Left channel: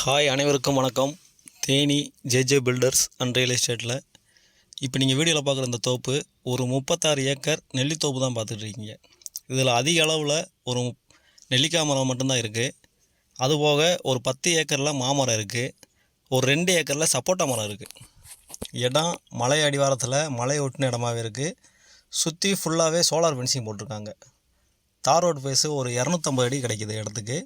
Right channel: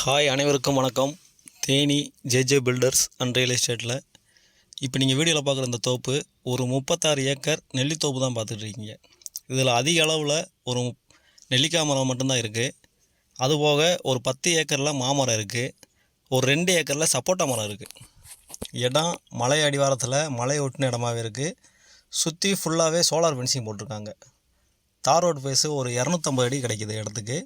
Hi அனைவருக்கும் வணக்கம். Theni JJ filters and real எஸ்டேட்டில் இப்போ நீங்கள் வீடியோவில் பார்க்குற இந்த தோப்பு ஒரு 36 ஏக்கர் நெல்லித்தோப்பு தான் பார்த்துட்ருக்கீங்க. இதில் அதிக அளவில் ஒரு நெல்லிக்காய் மரம் மட்டும்தான் இருக்குது. அதுபோக ஒரு 10 ஏக்கரில் மாமரம் இருக்குது. ஒரு 2 ஏக்கரில் சப்போட்டா மரம் இருக்குது. இடம் மலை அடிவாரத்தில் மலை ஒட்டின இடமாவே இருக்குது. சுற்றி ஃபுல்லாகவே சோலார் ஃபென்சிங் போட்டிருக்காங்க. தார் ரோடு ஃபேஸு ஒரு 250 அடி கிடைக்கிது இடத்துக்கு.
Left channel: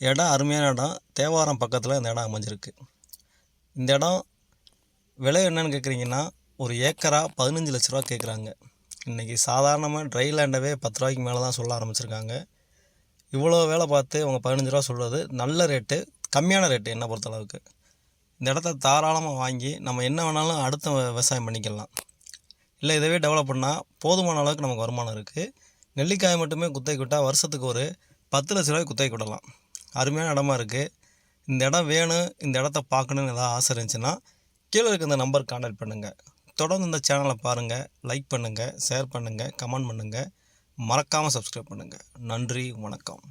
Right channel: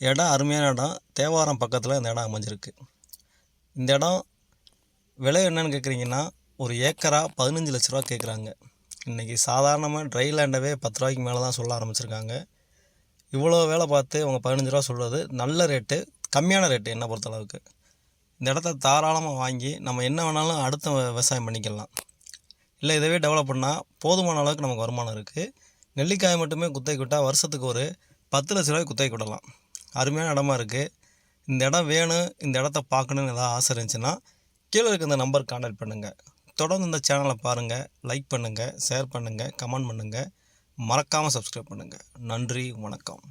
இடம் அருமையான இடம். தேவாரம் பக்கத்தில் இந்த இடம் அமைஞ்சிருக்கு. இந்த இடம் விலை என்னன்னு கேட்குறீங்கன்னா, ஒரு ஏக்கரா 15 லட்ச ரூபா கேட்குறாங்க. இன்றைக்கி சாதாரணமாக ட்ரை லேண்டவே 10 ரூபாய்க்கு மேலே தான் சொல்ல ஆரம்பிச்சிருக்காங்க. இவ்வளோ வேலை பார்த்து அவங்க 15 ரூபா சொல்கிறது நல்ல ரேட்டு, கம்மியான ரேட்டு என்னை பொறுத்தளவுக்கு. இந்த இடத்த தாராளமாக வாங்கி நம்ம என்ன வேணாலும் அடுத்த விவசாயம் பண்ணிக்கலாம். இல்லை இதவே டெவலப் பண்ணால் போதுமான அளவுக்கு நமக்கு வருமானம் இருக்குது. நெல்லிக்காய் மட்டுமே குத்தகைக்கு விட்டால் வருஷத்துக்கு ஒரு 10 லட்ச ரூபாய்க்கு குத்தகைக்கு விடலாம். அருமையான இடமா இருக்குது. இந்த இடம் வேணும், இந்த இடத்த பார்க்கணுன்னு ஏதாவது ஆசை இருந்துச்சுன்னா கீழே இருக்க இந்த நம்பருக்கு கான்டாக்ட் பண்ணுங்கள். தொடர்ந்து இந்த சேனலை பாருங்கள், லைக் பண்ணுங்கள், ஷேர் பண்ணுங்கள், கமெண்ட் பண்ணுங்கள், மறக்காமல் சப்ஸ்கிரைப் பண்ணுங்கள். நன்றி, வணக்கம்.